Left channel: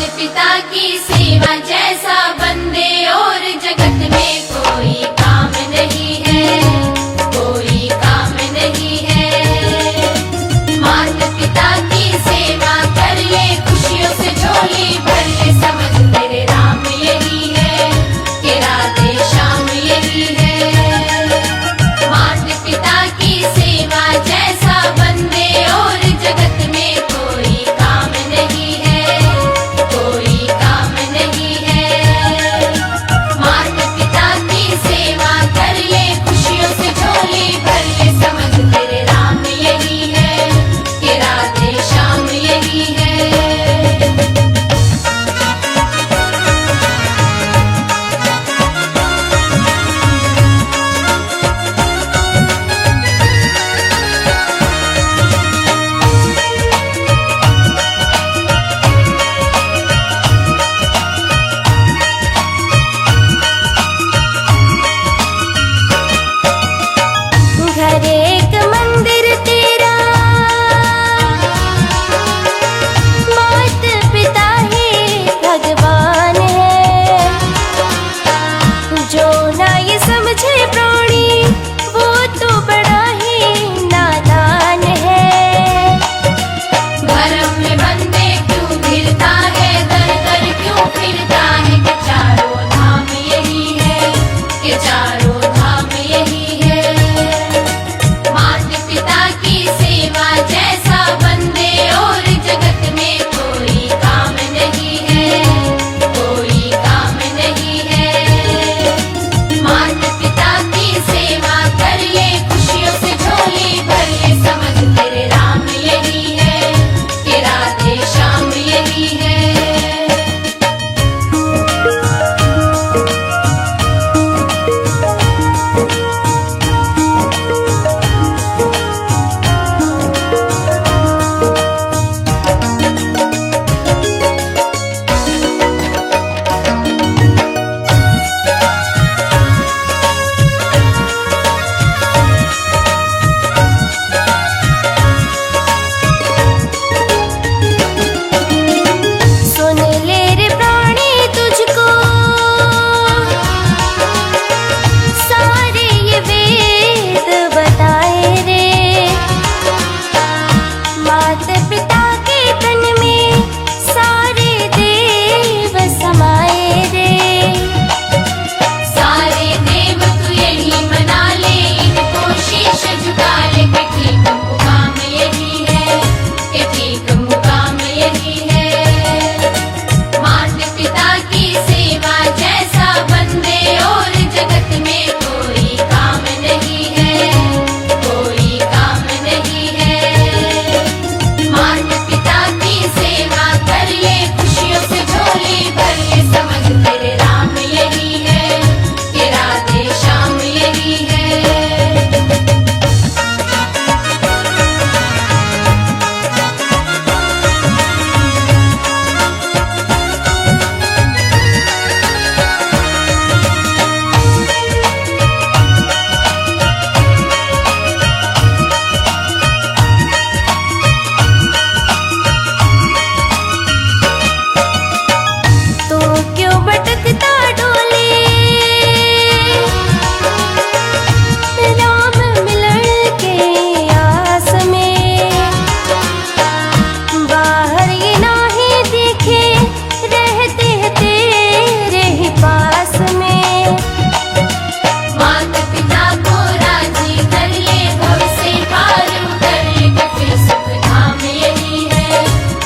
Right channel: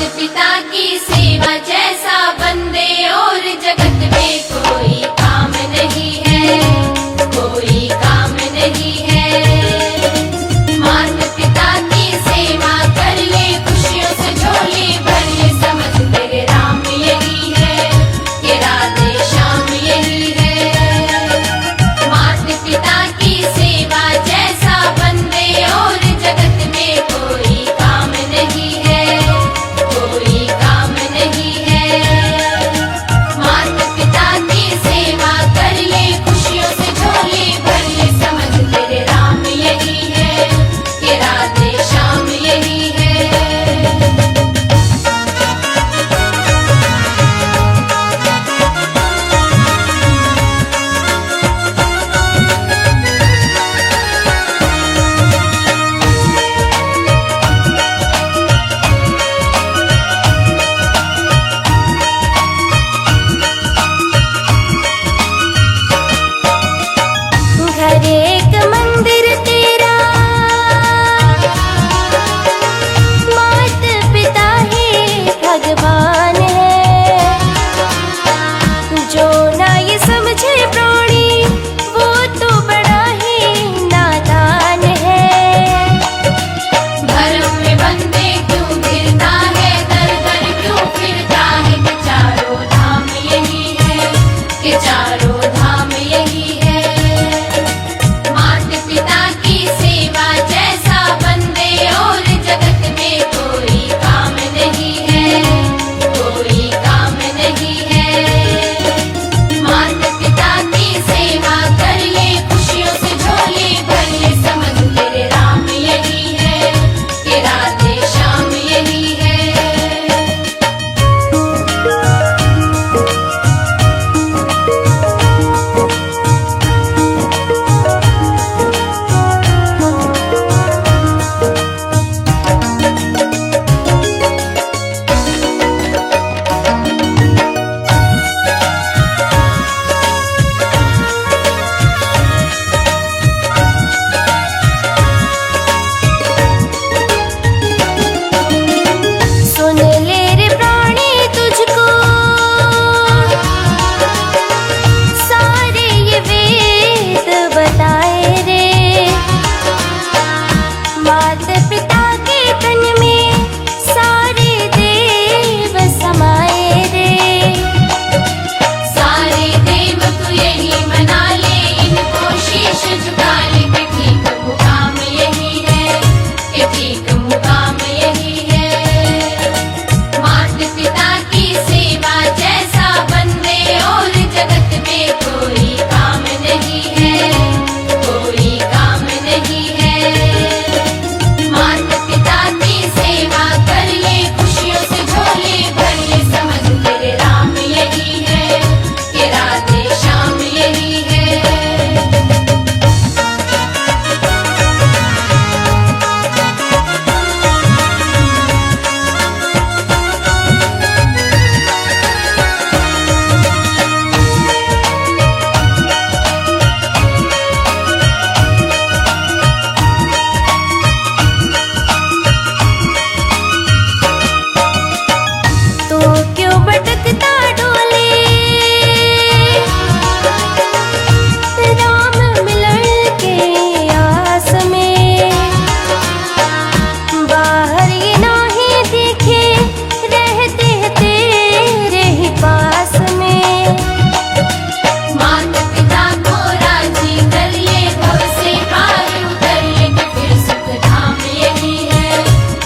पिता की सेवा जैसा बंदे और जगत में कोई काम नहीं है, कोई काम नहीं है। माता पिता की सेवा कर ले, खुशियों से झोली भर ले, समझ तेरे राम यही है कि राधे श्याम यही है। माता पिता की सेवा जैसा बंदे और जगत में कोई काम नहीं है, कोई काम नहीं है। माता पिता की सेवा कर ले, खुशियों से झोली भर ले, समझ तेरे राम यही है कि राधे श्याम यही है। घर एक मंदिर तेरा, मात पिता ही भगवान है। जो ना ये समझे प्राणी, वो तो बड़ा ही नादान है। भरम में बंदे क्यों घिरता है, दर दर क्यों फिरता है, कि चारों धाम यही है, कि चारों धाम यही है। माता पिता की सेवा जैसा बंदे और जगत में कोई काम नहीं है, कोई काम नहीं है। माता पिता की सेवा कर ले, खुशियों से झोली भर ले, समझ तेरे राम यही है कि राधे श्याम यही है। सुन ले रे प्राणी, तुझको सारे ये वेद बताए रे। माता पिता के तन में सारे देव समाए रे। सारे देव तू यही मना ले, इनको शीश झुका ले, कि ठीक मुकाम यही है, कि ठीक मुकाम यही है। माता पिता की सेवा जैसा बंदे और जगत में कोई काम नहीं है, कोई काम नहीं है। माता पिता की सेवा कर ले, खुशियों से झोली भर ले, समझ तेरे राम यही है कि राधे श्याम यही है। तू क्यों भटकता डोले, राम मिलन के आस में। बाहर ये नाही दिखे, रहते हैं तेरे ही पास में। माता पिता को राजी कर ले, भव से पार उतर ले, कि फिर सुख धाम यही है,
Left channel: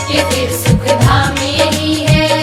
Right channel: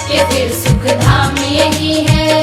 कि फिर सुख धाम यही है।